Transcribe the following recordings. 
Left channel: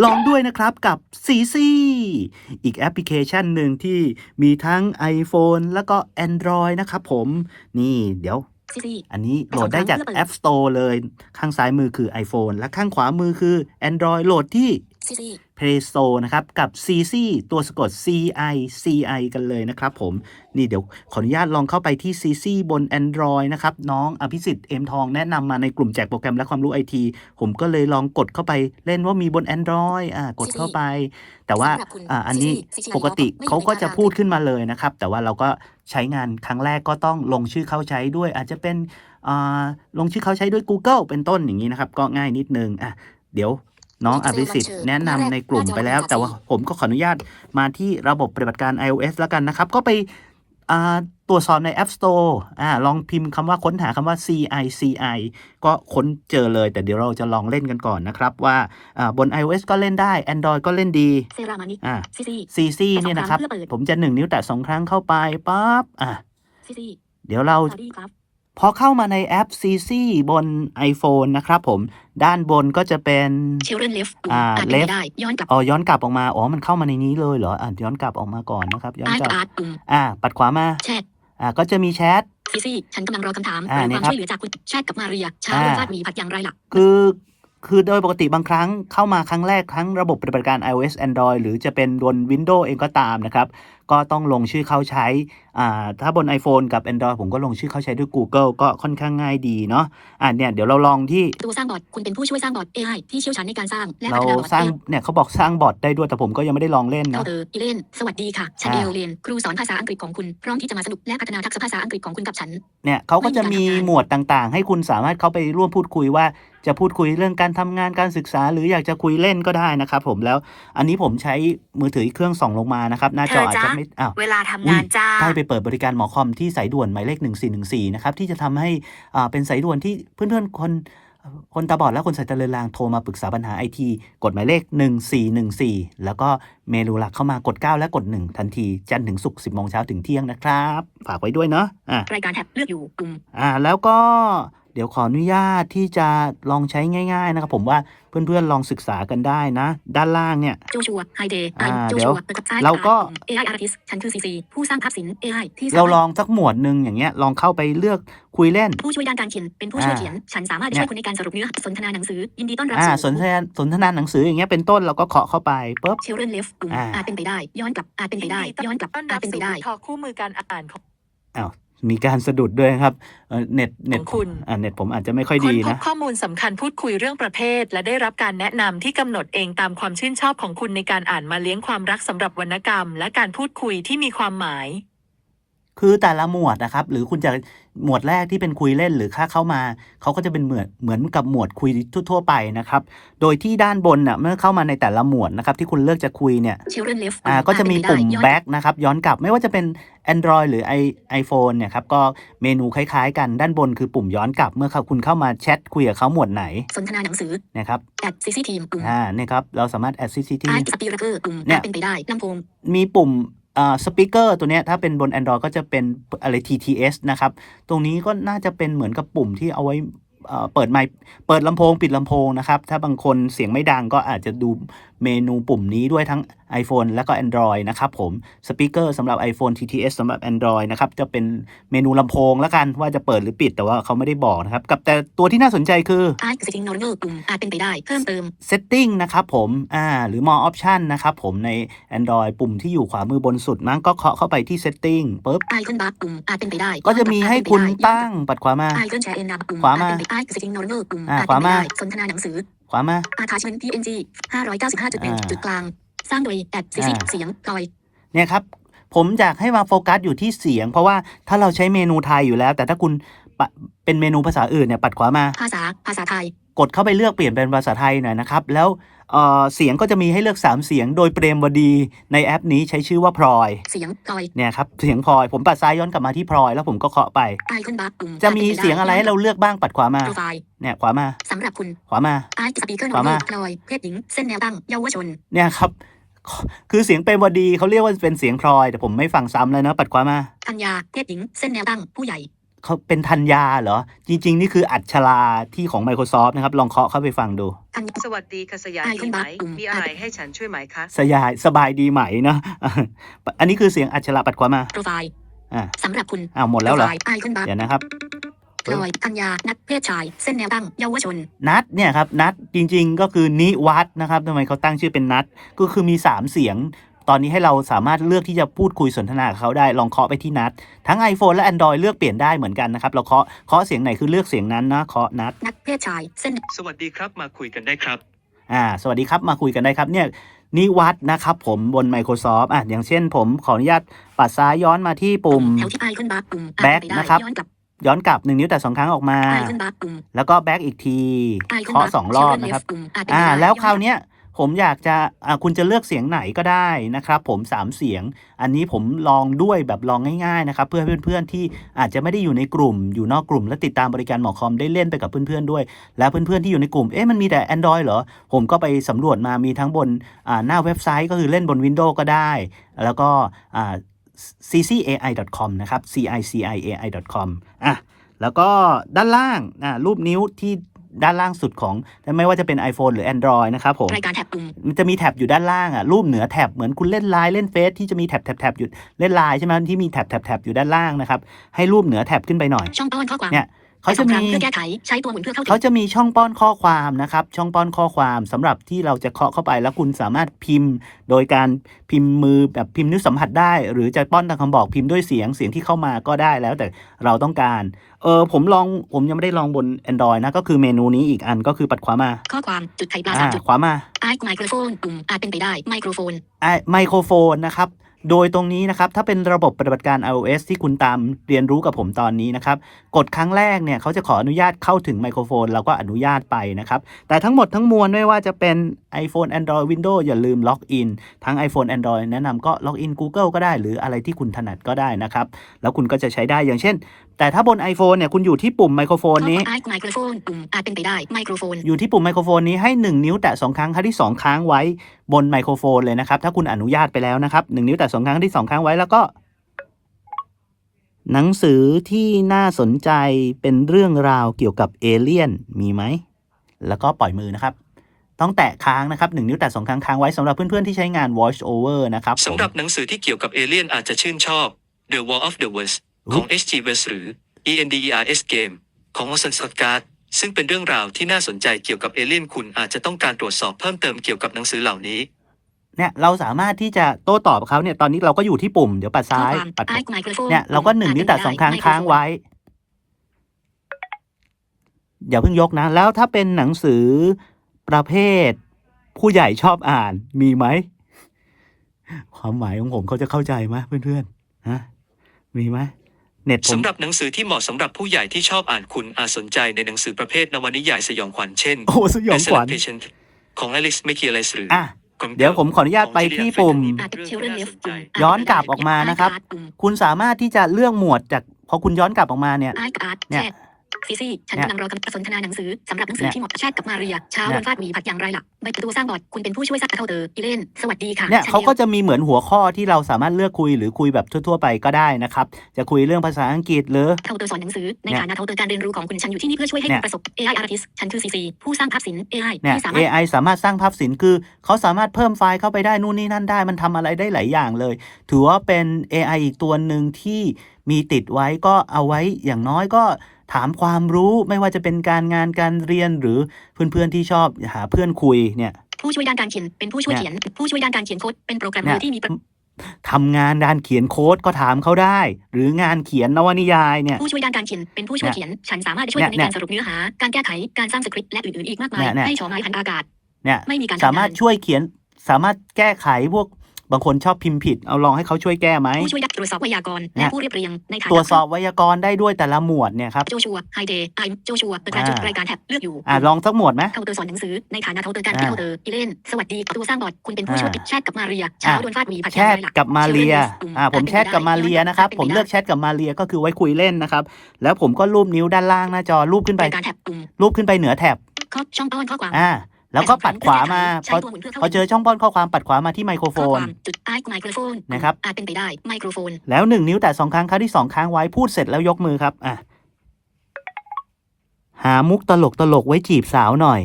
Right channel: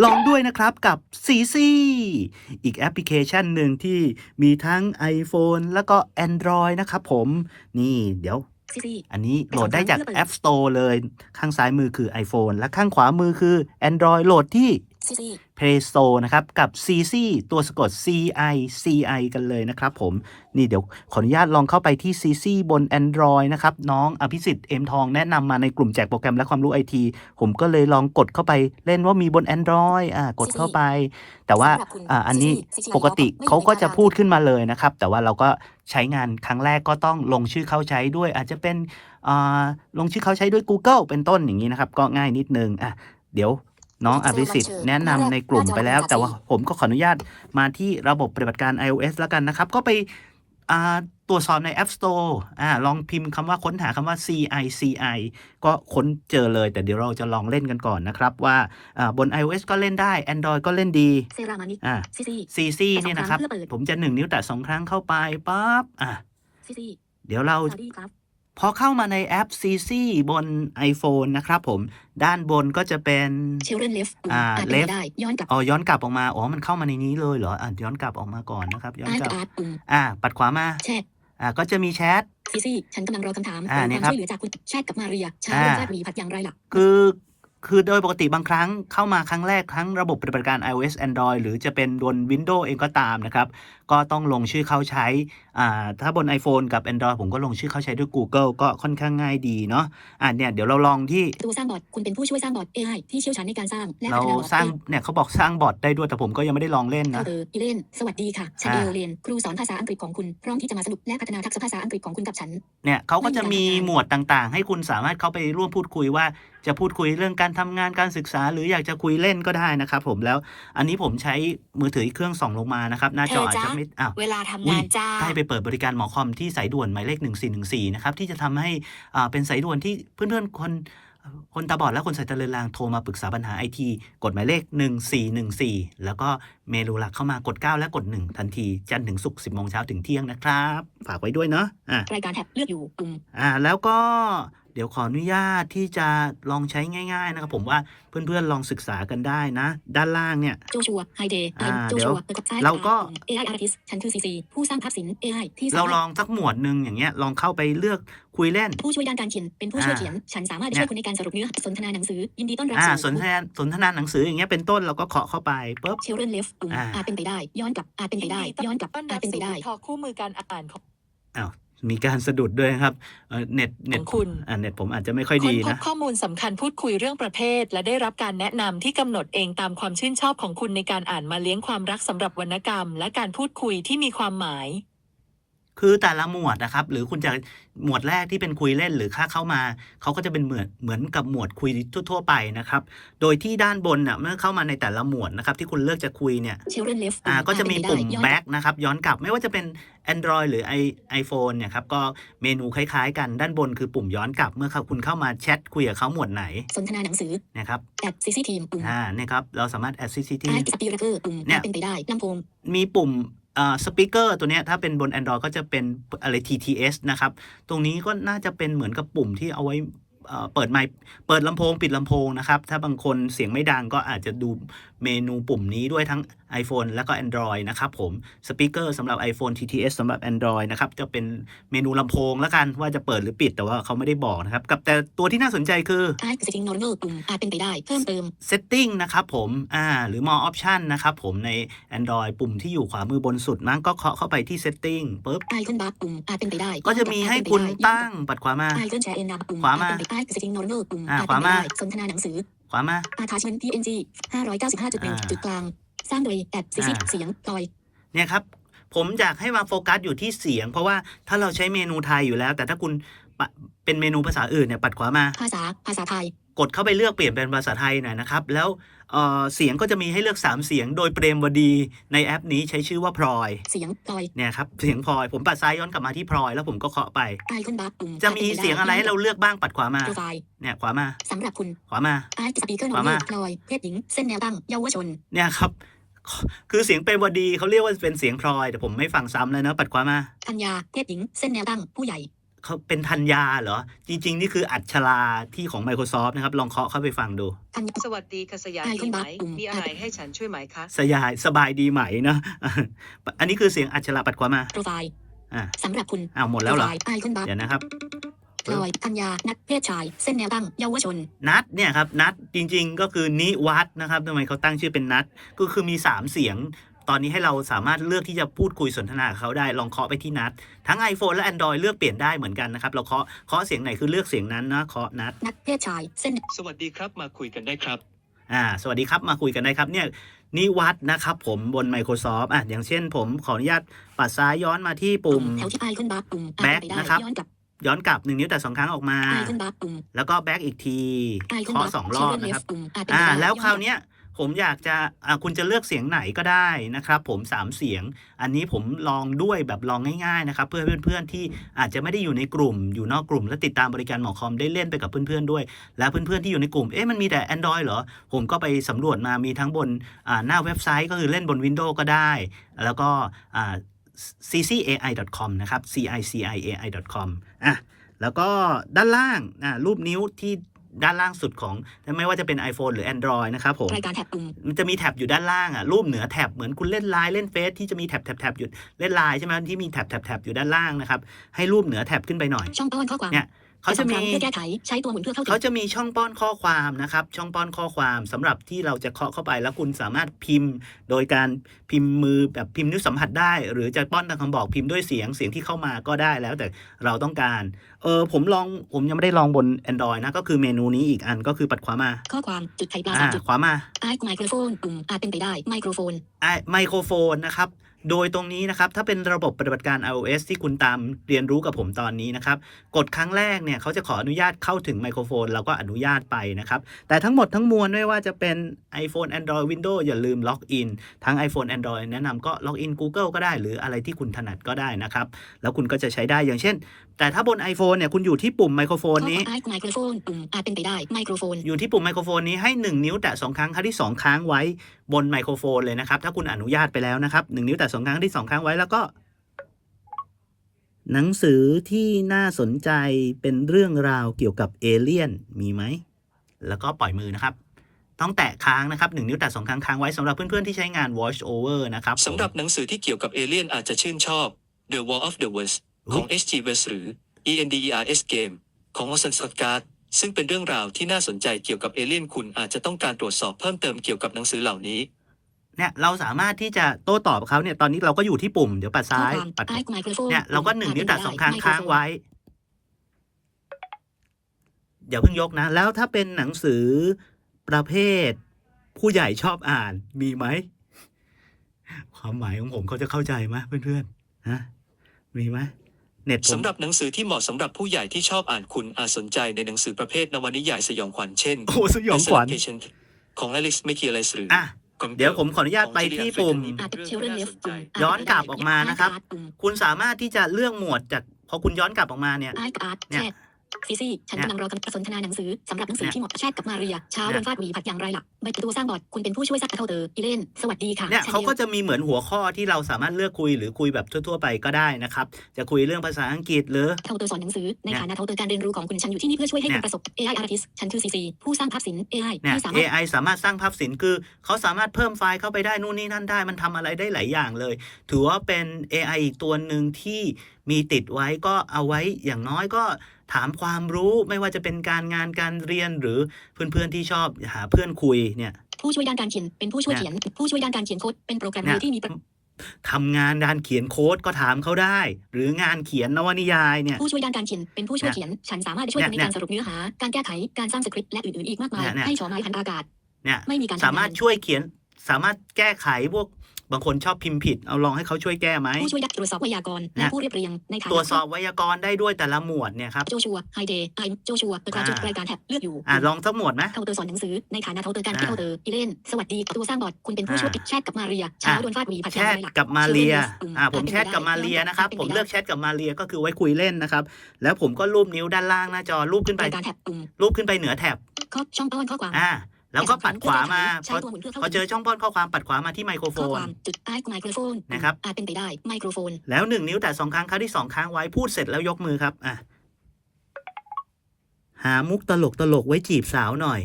ลองด้วยนะครับกับ CC อีกแอปพลิเคชันหนึ่งที่มีทั้ง iPhone แล้วก็ Android นะครับผม นี่เดี๋ยวซีซีอันนี้โหลดได้จาก App Store เลย ข้างซ้ายมือคือ iPhone และข้างขวามือคือ Android โหลดที่ซีซี Play Store นะครับกับ CC ตัวสะกด CI CI กันเลยนะครับผม นี่เดี๋ยวขออนุญาตลองเข้าไปที่ CC บน Android นะครับน้องอภิสิทธิ์เอ็มทองแนะนำมาในกลุ่มแจกโปรแกรมและความรู้ไอทีผมก็เลยลองกดเข้าไปเล่นว่ามีบน Android อ่ากดเข้าไป แต่ว่าสำหรับคุณอ่าอันนี้ CC ปกติไม่อยู่เขาก็ในจะตารางพูดขึ้นมาเลยนะครับ แต่ว่าเราก็ใช้งานครั้งแรกก็ต้องลงชื่อเข้าใช้ด้วย อาจจะเป็นอ่าลงชื่อเข้าใช้ด้วย Google เป็นต้นอย่างนี้นะครับ ก็ง่ายนิดนึงอะเดี๋ยว น้องอภิสิทธิ์แนะนำในกลุ่มไปแล้ว แต่ว่าผมก็ขออนุญาตมาที่ระบบปฏิบัติการ iOS แล้วกันนะครับ ก็ไปอ่าตรวจสอบใน App Store อ่าลองพิมพ์คำว่าค้นหาคำว่า CI CI ก็ค้นเจอเลย แต่เดี๋ยวเราจะลองเล่นกันก่อนนะครับ ว่าอ่าบน iOS ก็เล่นได้ Android ก็เล่นดีเซรามานิอ่าซีซีซีซีเนี่ยนะครับแต่สองครั้งเพื่อเปิดผมจะหนึ่งนิ้วแตะสองครั้งเข้าไปปั๊บอะซีซีเดี๋ยวเราสวัสดีครับ พอเข้ามาในแอป CC บน iPhone นะครับผม ด้านบนก็จะเป็นเชลเลนเลฟอ่าอ่านเป็น left ไปได้ย้อนกลับอ๋อย้อนกลับออกมา อ๋อ มันเข้ามาในนี้เลยเหรออะย้อนกลับออกมาก่อนนะครับ ย้อนอาร์กตลับอาร์ตปุ่มอ่า ปัดขวามาแชทอ่าก็จะมีแชทซีซีฉันกำลังรอคำถามอ่าหรือเนี่ควายมครับช่วยเหลือจากคุณแชทกับมาเรียชาอ่าเรื่องฟาดหมีผัดอย่างไรล่ะคือคือโดยปกติบางครั้งเข้ามาครั้งแรกทั้งระบบปฏิบัติการ iOS Android หรือจะเป็นบน Windows เองก็ตามนะครับ ก็ต้องลงชื่อเข้าใช้อ่าถ้าบน iPhone กับ Android ผมก็ลงชื่อเข้าใช้ด้วย Google ก็ค่อนข้างง่ายดีเนาะอ่าเนี่ยเดี๋ยวเราลองที่ตัวสร้างบอทคุณเป็นผู้ช่วยสร้างบอท AI ที่เชี่ยวชาญในการสร้างและเราพัฒนาบอทสร้างเองเนี่ยเขาบอกสร้างบอทได้ด้วยแต่ผมก็ยังไม่ได้ลองเล่นเข้านะเอออีเลนสวัสดีค่ะฉันอ่าเอลเลนครูสอนภาษาอังกฤษของคุณพร้อมที่จะมาสนุกและพัฒนาทักษะภาษาอังกฤษของคุณกับฉันเนี่ยเขาก็จะมีไม่มีการทำงานหมวดต่างๆ ให้คุณสามารถเข้าไปร่วมพูดคุยว่า จะพูดคุยเรื่องการทำงานการศึกษา หรืออยากจะคุยเล่นก็ได้นะครับผมแล้วอันนี้ผมใช้มือถืออีกเครื่องส่องลงมานะครับหน้าจออาจจะไม่อ้าวเวลาทำงานจ้าได้ไปเปิดบริการหมอคอมที่สายด่วนหมายเลข 1414นะครับที่จะทำให้อ่าเป็นสายด่วนที่เพื่อนๆคนคนตาบอดและคนสายตาเลือนลางโทรมาปรึกษาปัญหาไอทีกดหมายเลข 1414 แล้วก็เมนูหลักเข้ามากด 9 และกด 1 ทันที จันทร์ถึงศุกร์10โมงเช้าถึงเที่ยงนะครับ ฝากไว้ด้วยเนาะอะรายการแท็บเลือกอยู่ปุ่มอ่าแล้วก็ เดี๋ยวขออนุญาตที่จะลองใช้ง่าย ๆ นะครับ ผมว่าเพื่อนๆลองศึกษากันได้นะ ด้านล่างเนี่ยโจชัวไฮเดย์อ่าโจเดี๋ยชัววเปิดกับซ้ายเราก็ปุ่ม AI artist ฉันคือซีซีผู้สร้างภาพศิลป์ AI ที่สเรามถลองสักหมวดหนึ่งอย่างเงี้ยลองเข้าไปเลือกคุยเล่น ผู้ช่วยด้านการเขียนเป็นผู้ช่วยอ่าเขียน ฉันสามารถเนี่ยช่วยคุณในการสรุปเนื้อสนทนาหนังสือยินดีต้อนรับอ่าสสู่นทนาสนทนาหนังสืออย่างเงี้ยเป็นต้นเราก็เคาะเข้าไปปุ๊บเชลเลนเลฟปุ่มอ่าอาจเป็นไปได้ ย้อนกลับอาจเป็นไปได้ย้อนกลับต้อนอารัจบเป็นไปสู่ได้ทอคู่มือการอ่านของอ้าว มีการสะดุดด้วยครับเอ่อเน็ตเน็ตของคุณอ่าเน็ตผมอาจจะไม่ค่อยค้นดีพบนะข้อมูลสำคัญพูดคุยเรื่องประเภท และได้รับการแนะนำที่กำหนดเองตามความชื่นชอบของคุณในการอ่านมาเลี้ยงความรักสำหรับวรรณกรรม และการพูดคุยที่มีความหมาย คือแต่ละหมวดนะครับ หรือคุณจะหมวดแรกที่เป็นคุยเล่นหรือค่าเข้ามาเขาก็จะเป็นเหมือนเหมือนกับหมวดคุยทั่วๆไปนะครับ โดยที่ด้านบนน่ะเมื่อเข้ามาในแต่ละหมวดนะครับที่คุณเลือกจะคุยเนี่ยเชลเลนเลฟอ่าก็จะมีปุ่ม back นะครับย้อนกลับไม่ว่าจะเป็น Android หรือ i iPhone เนี่ยครับก็เมนูคล้ายๆ กันด้านบนคือปุ่มย้อนกลับเมื่อคุณเข้ามาแชทคุยกับเขาหมวดไหน สนทนาหนังสือนะครับแอดซีซีทีมปุ่มอ่าเนี่ยครับเราสามารถ add CCT อาร์ตสปีรักเกอร์ปุ่มเนี่ยอาจเป็นไปได้ลำโพงมีปุ่มอ่าสปีกเกอร์ตัวเนี้ยถ้าเป็นบน Android ก็จะเป็นอะไร TTS นะครับ ตรงนี้ก็น่าจะเป็นเหมือนกับปุ่มที่เอาไว้เอ่อเปิดไมค์เปิดลำโพง ปิดลำโพงนะครับ ถ้าบางคนเสียงไม่ดังก็อาจจะดู เมนูปุ่มนี้ด้วยทั้ง iPhone แล้วก็ Android นะครับผมสปีกเกอร์สำหรับ iPhone TTS สำหรับ Android นะครับจะเป็นเมนูลำโพงแล้วกันว่าจะเปิดหรือปิดแต่ว่าเขาไม่ได้บอกนะครับกับแต่ตัวที่น่าสนใจคืออาร์ตสติงนอร์เนอร์ปุ่มอาจเป็นไปได้เพิ่มเติม Setting นะครับผมอ่าหรือ More Option นะครับผมใน Android ปุ่มที่อยู่ขวามือบนสุดมั้งก็เคาะเข้าไปที่ Setting ปุ๊บไอคอนบาร์ปุ่มอาจเป็นไปได้ ก็จะมีให้คุณตั้งปัดขวามาไอคอนแชร์เอ็นนาปุ่มขวามาอาจเป็นไปไอสติงนอร์เนอร์ปุ่มอ่าอาจเป็นไปขวามาได้สนทนาหนังสือ ขวามาอาทาชเมน PNG 595.1อ่าจุดกลาง สร้างโดยแอดซีซีอ่าเสียงพลอยเนี่ยครับ ผมอยากให้มาโฟกัสอยู่ที่เสียง เพราะว่าถ้าเราใช้เมนูไทยอยู่แล้ว แต่ถ้าคุณปะเป็นเมนูภาษาอื่นเนี่ยปัดขวามา ภาษาภาษาไทย กดเข้าไปเลือกเปลี่ยนเป็นภาษาไทยหน่อยนะครับ แล้ว เอ่อเสียงก็จะมีให้เลือก 3 เสียง โดยเปรมวดีในแอปนี้ใช้ชื่อว่าพลอย เสียงพลอยเนี่ยครับเสียงพลอยผมปัดซ้ายย้อนกลับมาที่พลอย แล้วผมก็เคาะไปไอคอนบาร์ปุ่มจะมีเสียงอะไรให้เราเลือกบ้างปัดขวามาโปรไฟล์เนี่ยขวามาสำหรับคุณขวามาไอสปีกเกอร์นขอวาร์เนอมาร์พลอยเพศหญิงเส้นแนวตั้งเยาวชนเนี่ยครับคือเสียงเป็นวดีเขาเรียกว่าเป็นเสียงพลอย แต่ผมไม่ฟังซ้ำแล้วนะปัดขวามาธัญญาเพศหญิงเส้นแนวตั้งผู้ใหญ่ เขาเป็นธัญญาเหรอ จริง ๆ นี่คืออัชราที่ของ Microsoft นะครับ ลองเคาะเข้าไปฟังดูอันสวัสดีค่ะสยามไอคอนดีไหมบัคปุ่มมีอะไรให้ฉันช่วยไหมคะสยายสบายดีไหมเนาะอันนี้คือเสียงอัชราปัดขวามาโปรไฟล์อ่าสำหรับคุณอ้าวหมดแล้วเหรอโปไฟไอคอนบัคเดี๋ยวนะครับพลอยอัญญานักเพศชาย เส้นแนวตั้งเยาวชน นัดเนี่ยครับ นัดจริงๆ ก็คือนิวัฒน์นะครับทำไมเขาตั้งชื่อเป็นนัดก็คือมี 3 เสียงต อนนี้ให้เราสามารถเลือกที่จะพูดคุยสนทนากับเขาได้ลองเคาะไปที่นัด ทั้ง iPhone และ Android เลือกเปลี่ยนได้เหมือนกันนะครับ เราเคาะเคาะเสียงไหนคือเลือกเสียงนั้นนะเคาะนัดนักเพศชายเส้นสวัสดีครับมาคุยกันได้ครับอ่าสวัสดีครับมาคุยกันได้ครับเนี่ยนิวัฒน์นะครับผมบน Microsoft อะอย่างเช่นผมขออนุญาตปัดซ้ายย้อนมาที่ปุ่มแถวที่ไอคอนบัคปุ่มอ่าน Back ไปได้นะครับย้อนกลับย้อนกลับหนึ่งนิ้วแต่สองครั้งออกมาไอคอนบัคปุ่มแล้วก็แบ็กอีกทีไอคอนเคาะบัคสองรอบนะครับปุ่มอ่านไปอ่าได้แล้วคราวย้อนกบเนี้ย ผมอยากจะคุณจะเลือกเสียงไหนก็ได้นะครับ ผมสามเสียง อันนี้ผมลองด้วยแบบลองง่ายๆนะครับ เพื่อเพื่อนๆที่อาจจะไม่ได้อยู่ในกลุ่ม อยู่นอกกลุ่ม และติดตามบริการหมอคอมได้เล่นไปกับเพื่อนๆด้วย และเพื่อนๆที่อยู่ในกลุ่มเอ๊ะมันมีแต่ Android เหรอ ผมก็ไปสำรวจมามีทั้งบนหน้าเว็บไซต์ก็คือเล่นบน Windows ก็ได้ แล้วก็ ccai.com นะครับ ciciai.com อะแล้วก็ด้านล่างรูปนิ้วที่ ด้านล่างสุดของไม่ว่าจะเป็น iPhone หรือ Android นะครับผมรายการแท็บปุ่มมันจะมีแท็บอยู่ด้านล่างอะรูปเหนือแท็บเหมือนคุณเล่นไลน์เล่นเฟซที่จะมีแท็บแท็บแท็บอยู่เล่นไลน์ใช่ไหมที่มีแท็บแท็บแท็บอยู่ด้านล่างนะครับให้รูปเหนือแท็บขึ้นไปหน่อยช่องป้อนข้อความเนี่ย เขาจะสองครั้มีงเพื่อแก้ไขใช้ตัวหมุนเพื่อเข้าถึเขางจะมีช่องป้อนข้อความนะครับ ช่องป้อนข้อความสำหรับที่เราจะเคาะเข้าไปแล้วคุณสามารถพิมพ์ โดยการพิมพ์มือแบบพิมพ์นิ้วสัมผัสได้ หรือจะป้อนตามคำบอกพิมพ์ด้วยเสียงเสียงที่เข้ามาก็ได้แล้วแต่เราต้องการเออผมลองผมยังไม่ได้ลองบน Android นะ ก็คือเมนูนี้อีกอันก็คือปัดขวามา ข้อความจุดไข่ปลาอ่าสามจุดขวามาไอไมโครโฟนปุ่มอาจเป็นไปได้ไมโครโฟนไมโครโฟนนะครับ โดยตรงนี้นะครับถ้าเป็นระบบปฏิบัติการ iOS ที่คุณตามเรียนรู้กับผมตอนนี้นะครับ กดครั้งแรกเนี่ยเขาจะขออนุญาตเข้าถึงไมโครโฟน เราก็อนุญาตไปนะครับ แต่ทั้งหมดทั้งมวลไม่ว่าจะเป็น iPhone Android Windows อย่าลืมล็อกอินทั้ง iPhone Android แนะนำก็ล็อกอิน Google ก็ได้ หรืออะไรที่คุณถนัดก็ได้นะครับ แล้วคุณก็จะใช้ได้อย่างเช่น แต่ถ้าบน iPhone เนี่ยคุณอยู่ที่ปุ่มไมโครโฟนนี้ไอไมโครโฟนปุ่มอาจเป็นไปได้ไมโครโฟนอยู่ที่ปุ่มไมโครโฟนนี้ให้ 1 นิ้วแตะ2ครั้งครั้งที่ 2ค้างไว้บนไมโครโฟนเลยนะครับ ถ้าคุณอนุญาตไปแล้วนะครับ1นิ้วแตะ2ครั้งที่2ค้างไว้แล้วก็ หนังสือที่น่าสนใจเป็นเรื่องราวเกี่ยวกับเอเลี่ยนมีไหมแล้วก็ปล่อยมือนะครับต้องแตะค้างนะครับ1นิ้วแตะ2ครั้งค้างไว้สำหรับเพื่อนๆที่ใช้งาน voice over นะครับสำหรับหนังสือที่เกี่ยวกับเอเลี่ยนอาจจะชื่นชอบ The War of the Worlds ของ H.G. Wells หรือ ENDERS Game ของ Orson Scott Card ซึ่งเป็นเรื่องราวที่น่าสนใจเกี่ยวกับเอเลี่ยนคุณอาจจะต้องการตรวจสอบเพิ่มเติมเกี่ยวกับหนังสือเหล่านี้ เนี่ยเราสามารถที่จะโต้ตอบกับเขาเนี่ยตอนนี้เราก็อยู่ที่ปุ่มเดี๋ยวปัดข้อซ้ายความปัดไอไมโครโฟนเนี่ยเราก็หนึ่งนิ้วแต่สองครั้งค้างไว้ อย่าเพิ่งยกนะ แล้วถ้าเป็นหนังสือประเภท ผู้ใหญ่ชอบอ่านมีไหมความหมายของผมเขาจะเข้าใจไหมเพื่อนๆฮะมีไหม เน็ตผมสำหรับหนังสือที่เหมาะสำหรับผู้ใหญ่ที่ชอบอ่านคุณอาจสนใจในหนังสือประเภทนวนิยายสยองขวัญเช่นโอ้สยองขวัญ The Patient ของ Alex m c k e l e s หรืออะเดี๋ยวผมขออนุญาตไปที่ปุ่มอาจเป็น children left ปุ่มย้อนกลับออกมานะครับปุ่มคุณสามารถที่จะเลือกหมวดจากพอคุณย้อนกลับออกมาเนี่ยไอการ์ดเนี่แชยท ซีซี่ฉันเนี่ยกำลังรอกำสนทนาหนังสือสำหรับหนังสือเนี่ยที่เหมาะกับแชทกับมาเรียเช้าเนี่ยโดนฟาดหวีผัดอย่างไรล่ะใบประตูสร้างบอร์ดคุณเป็นผู้ช่วยซักกระเท่าเตออีเลนสวัสดีค่ะเนี่ยฉัเขาก็ดีวจะมีเหมือนหัวข้อที่เราสามารถเลือกคุยหรือคุยแบบทั่วๆไปก็ได้นะครับจะคุยเรื่องภาษาอังกฤษหรือเท่าเตอสอนหนังสือในเนี่ยฐานะเท่าเตอการเรียนรู้ของคุณฉันอยู่ที่นี่เพื่อช่วยให้เนี่คุยณประสบ AI artist ฉันคือซีซีผู้สร้างภาพศิลป์ AI เนี่ยที่สามารถ AI สามารถสร้างภาพศิลป์คือเขาสามารถเพิ่มไฟล์เข้าไปได้นู่นนี่นั่นได้ มันทำอะไรได้หลายอย่างเลย ถือว่าเป็น AI อีกตัวหนึ่งที่มีติดไว้ก็เอาไว้อย่างน้อยก็ ถามความรู้ไม่ว่าจะเป็นการงานการเรียนหรือเพื่อนๆที่ชอบหาเพื่อนคุยเนี่ยผู้ช่วยด้านการเขียนเป็นผู้ช่วยเนี่ยเขียน ผู้ช่วยด้านการเขียนโค้ดเป็นโปรแกรมเมเนี่อยร์ที่มีประทำงานด้านเขียนโค้ดก็ถามเขาได้ หรืองานเขียนนวนิยายเนี่ยผู้ช่วยด้านการเขียนเป็นผู้ช่วยเนี่ยเขียน ฉันสามารถช่วยคุณในเนี่ยการสรุปเนื้อหา การแก้ไขการสร้างสคริปต์และอื่นๆอีกมากมายเนี่ยเนี่ยให้ชอไม้พันอากาศเนี่ยไม่มีการสามารถทำงนช่วยเขียนสามารถแก้ไขพวก บางคนชอบพิมพ์ผิด เอาลองให้เขาช่วยแก้ไหมผู้ช่วยดักตรวจสอบไวยากรณ์เนี่และยผู้เรียบเรียงในฐานะตรวจสอบไวยากรณ์ได้ด้วยแต่ละหมวดเนี่ยครับโจชัวไฮเดย์ไอโจชัวเปิดกระจุดรายการแท็บเลือกอยู่อ่าลองสักหมวดไหมเท่าเตอร์สอนหนังสือในฐานะเท่าเตอร์การอ่าที่เท่าเตอร์อีเลนสวัสดีตัวสร้างบอร์ดคุณเป็นผู้ช่วยอ่าแชทกับมาเรียเช้าโดนฟาดหวีผัดแชยางทไรล่ะกับมาเรีย Children list ปุ่มอ่าผมอาจเป็นแชทกับไปได้มาเรียนะครับอาจผมเป็นไปได้เลือกแชทกับมาเรียก็คือไว้คุยเล่นนะครับแล้วผมก็รูปนิ้วด้านล่างหน้าจอรูปขึ้นไปรายการแท็บปุ่มรูปขึ้นไปเหนือแท็บข้อช่องป้อนข้อความอ่า แล้วก็ปัดขวามาใช้พอตัวหมุนเพื่อเข้าพอเจอช่องป้อนข้อความปัดขวามาที่ไมโครโฟข้อคนวามจุดไอไมโครโฟนนะครับอาจเป็นไปได้ไมโครโฟน แล้วหนึ่งนิ้วแต่สองครั้งครั้งที่สองค้างไว้พูดเสร็จแล้วยกมือครับอะหามุกตลกตลกๆไว้จีบสาวหน่อย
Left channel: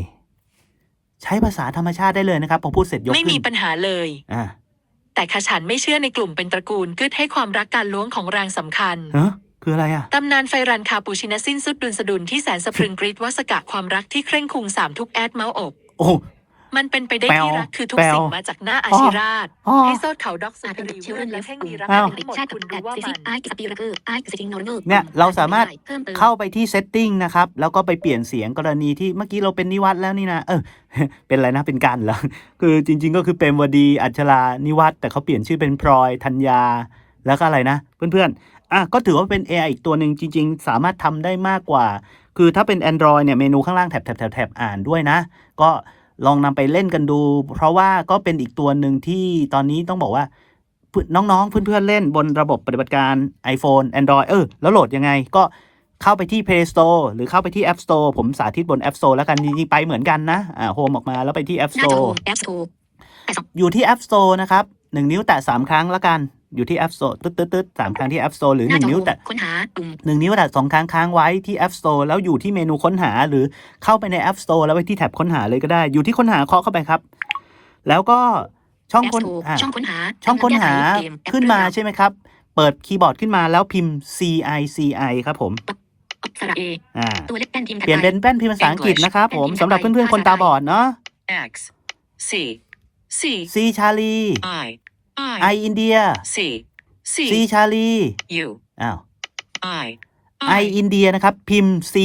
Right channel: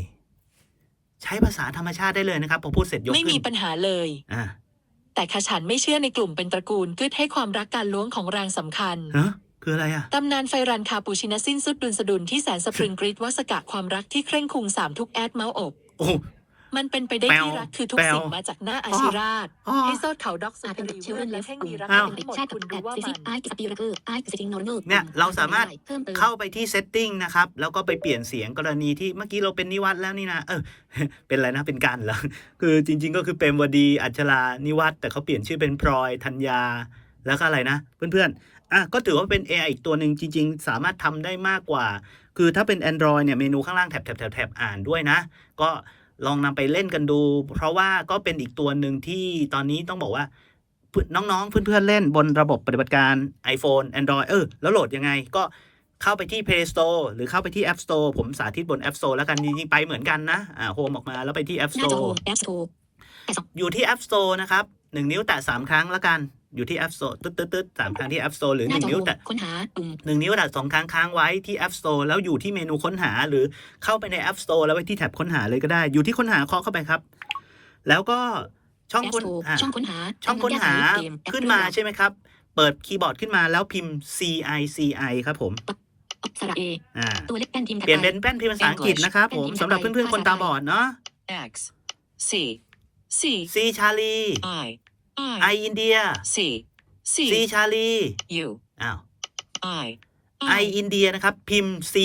ใช้ภาษาธรรมชาติได้เลยนะครับพอพูดเสร็จยกไม่ขึ้มีนปัญหาเลยอ่าแต่ขฉันไม่เชื่อในกลุ่มเป็นตระกูลกึดให้ความรักการล้วงของรางสำคัญฮะคืออะไรอะตำนานไฟรันคาปูชินาสิ้นสุดดุลสะดุนที่แสนสะพรึงกรีดวัสกะความรักที่เคร่งครุงสามทุกแอดเมาส์อก โอ้ มันเป็นไปได้แปลวที่รักคือทุกแปลวสิ่งมาจากหน้าอาชิราชอ๋อให้โซดเขาด็อกสุอาจดเป็นรีเชลเลนและและแห่งกลุ่มีมรักอ้าว ทั้งหมดชาติคุณแอรู้ดว่าซิมัซินไอกิสปีระเกอร์ไอกิสติงนอร์เนอร์เนี่ยเราสามารถ เพิ่มเติมเข้าไปที่ setting นะครับ แล้วก็ไปเปลี่ยนเสียงกรณีที่เมื่อกี้เราเป็นนิวัตแล้วนี่นะ เออ เป็นอะไรนะ เป็นกันเหรอ คือจริง ๆ ก็คือเป็นวดีอัชรานิวัตแต่เขาเปลี่ยนชื่อเป็นพลอยธัญญา แล้วก็อะไรนะ เพื่อนๆ อะ ก็ถือว่าเป็น AI อีกตัวหนึ่งจริง ๆ สามารถทำได้มากกว่า คือถ้าเป็น Android เนี่ย เมนูข้างล่างแถบแถบแถบแถบอ่านด้วยนะ ก็ลองนำไปเล่นกันดู เพราะว่าก็เป็นอีกตัวหนึ่งที่ตอนนี้ต้องบอกว่า น้องๆ เพื่อนๆ เล่นบนระบบปฏิบัติการ iPhone Android เออ แล้วโหลดยังไงก็เข้าไปที่ Play Store หรือเข้าไปที่ App Store ผมสาธิตบน App Store แล้วกันจริงๆไปเหมือนกันนะอ่าโฮมออกมาแล้วไปที่ App หน้าจอ Store โฮมแอปสโตร์อยู่ที่ App Store นะครับหนึ่งนิ้วแตะสามครั้งแล้วกัน อยู่ที่ App Store ตึ๊ดตึ๊ดตึ๊ดสามครั้งที่ App Store หรือหหน้านึ่จงอนิ้วโฮมแตะค้นหาปุ่มหนึ่งนิ้วแตะสองครั้งค้างไว้ที่ App Store แล้วอยู่ที่เมนูค้นหาหรือเข้าไปใน App Store แล้วไปที่แท็บค้นหาเลยก็ได้ อยู่ที่ค้นหาเคาะเข้าไปครับ แล้วก็ช่องแอปค้สนโตร์อะช่องค้นหา ช่องค้นหาแก้ไขเกมแอปขึ้นมาเรื่องราวใช่ไหมครับ เปิดคีย์บอร์ดขึ้นมาแล้วพิมพ์ C I C I ครับผมสระเออ่าตัวเล็กแป้นพิมพ์ถัดเปลี่ยนไปเป็นแป้นพิมพ์ภาษาอังกฤษ English นะครับผมแป้นพิมพ์สำหรับไทยเพื่อนๆคนตาบอดเนาะ X C C C ชาลี I I อินเดีย C C C ชาลี U อ้าว I I อินเดียนะครับ พิมพ์ C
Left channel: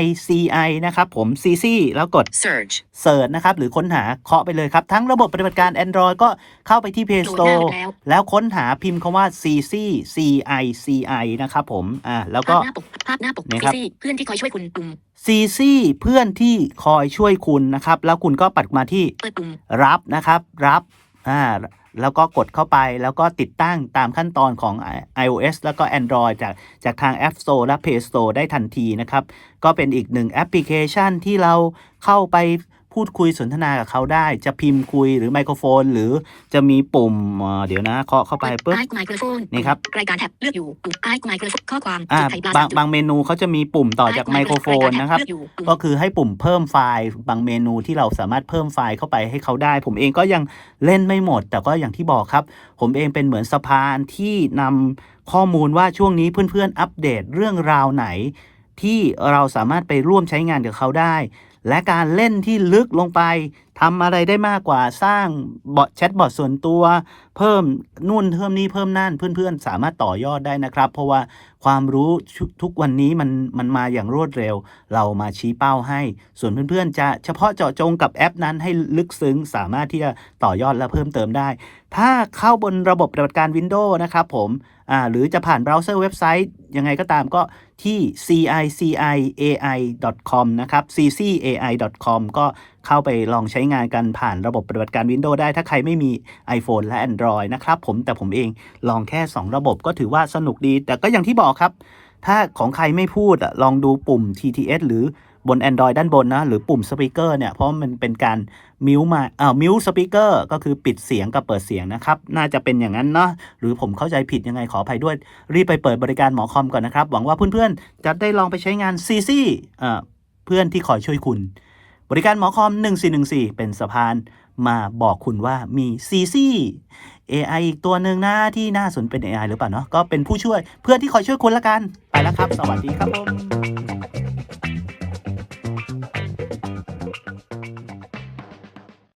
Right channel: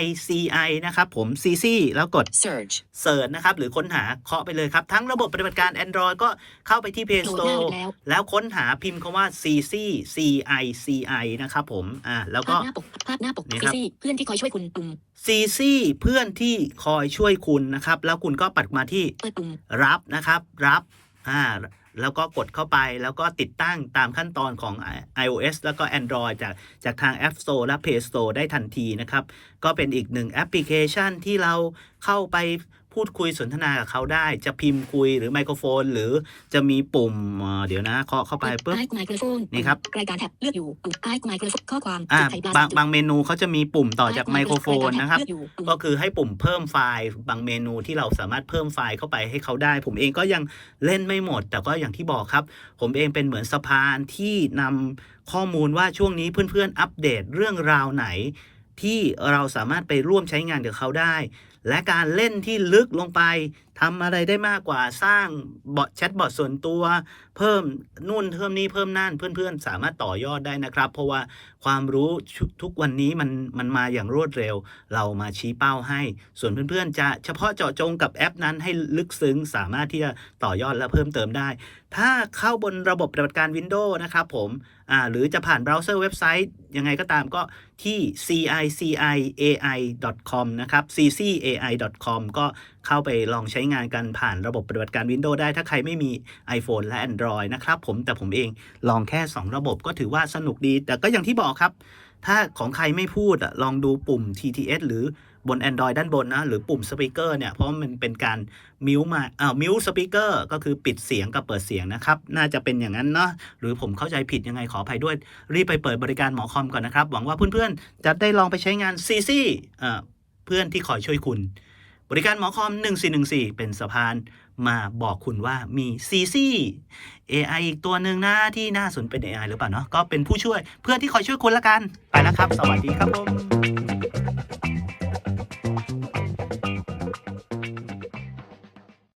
I C I นะครับ ผม C C แล้วกด Search เสิร์ชนะครับ หรือค้นหาเคาะไปเลยครับ ทั้งระบบปฏิบัติการ Android ก็เข้าไปที่ Play โหลดหน้า Store ไปแล้ว แล้วค้นหาพิมพ์คำว่า C C C I C I นะครับผมอ่าแล้วก็ภาพหน้าปกภาพหน้าปกเนี่ยซีครับซี่เพื่อนที่คอยช่วยคุณปุ่ม C C เพื่อนที่คอยช่วยคุณนะครับ แล้วคุณก็ปัดมาที่เปิดปุ่มรับนะครับ รับอ่า แล้วก็กดเข้าไปแล้วก็ติดตั้งตามขั้นตอนของ iOS แล้วก็ Android จากจากทาง App Store และ Play Store ได้ทันทีนะครับ ก็เป็นอีกหนึ่งแอปพลิเคชันที่เราเข้าไป พูดคุยสนทนากับเขาได้ จะพิมพ์คุยหรือไมโครโฟน หรือจะมีปุ่มเอ่อเดี๋ยวนะเคาะเข้าไปปุ๊บไอไมโครโฟนนี่ครับรายการแท็บเลือกอยู่ปุ่มไอไมโครโฟนข้อความอ่าจุดไข่ปลาบางจุดบางเมนูเขาจะมีปุ่มต่อจากไมโครโฟนนะครับเลือกอยู่ปุ่มก็คือให้ปุ่มเพิ่มไฟล์บางเมนูที่เราสามารถเพิ่มไฟล์เข้าไปให้เขาได้ ผมเองก็ยังเล่นไม่หมด แต่ก็อย่างที่บอกครับ ผมเองเป็นเหมือนสะพานที่นำข้อมูลว่าช่วงนี้เพื่อนๆอัปเดตเรื่องราวไหน ที่เราสามารถไปร่วมใช้งานกับเขาได้ และการเล่นที่ลึกลงไปทำอะไรได้มากกว่าสร้างบอทแชทบอทส่วนตัว เพิ่มนู่นเพิ่มนี่เพิ่มนั่นเพื่อนๆ สามารถต่อยอดได้นะครับ เพราะว่าความรู้ทุกวันนี้มันมันมาอย่างรวดเร็ว เรามาชี้เป้าให้ ส่วนเพื่อนๆ จะเฉพาะเจาะจงกับแอปนั้นให้ลึกซึ้ง สามารถที่จะต่อยอดและเพิ่มเติมได้ ถ้าเข้าบนระบบปฏิบัติการ Windows นะครับผม อ่าหรือจะผ่านเบราว์เซอร์เว็บไซต์ ยังไงก็ตามก็ที่ ciciai.com นะครับ ccai.com ก็เข้าไปลองใช้งานกันผ่านระบบปฏิบัติการ Windows ได้ถ้าใครไม่มี iPhone และ Android นะครับผมแต่ผมเองลองแค่ 2 ระบบก็ถือว่าสนุกดี แต่ก็อย่างที่บอกครับ ถ้าของใครไม่พูดอะลองดูปุ่ม TTS หรือบน Android ด้านบนนะ หรือปุ่มสปีกเกอร์เนี่ย เพราะมันเป็นการ มิวมาอ่ามิวสปีกเกอร์ก็คือปิดเสียงกับเปิดเสียงนะครับ น่าจะเป็นอย่างนั้นเนาะหรือผมเข้าใจผิดยังไงขออภัยด้วย รีบไปเปิดบริการหมอคอมก่อนนะครับ หวังว่าเพื่อนๆ จะได้ลองไปใช้งาน CC อ่าเพื่อนที่คอยช่วยคุณ บริการหมอคอม 1414 เป็นสะพานมาบอกคุณว่ามี CC AI อีกตัวหนึ่งนะที่น่าสนเป็น AI หรือเปล่าเนาะก็เป็นผู้ช่วยเพื่อนที่คอยช่วยคุณละกัน ไปแล้วครับ สวัสดีครับผม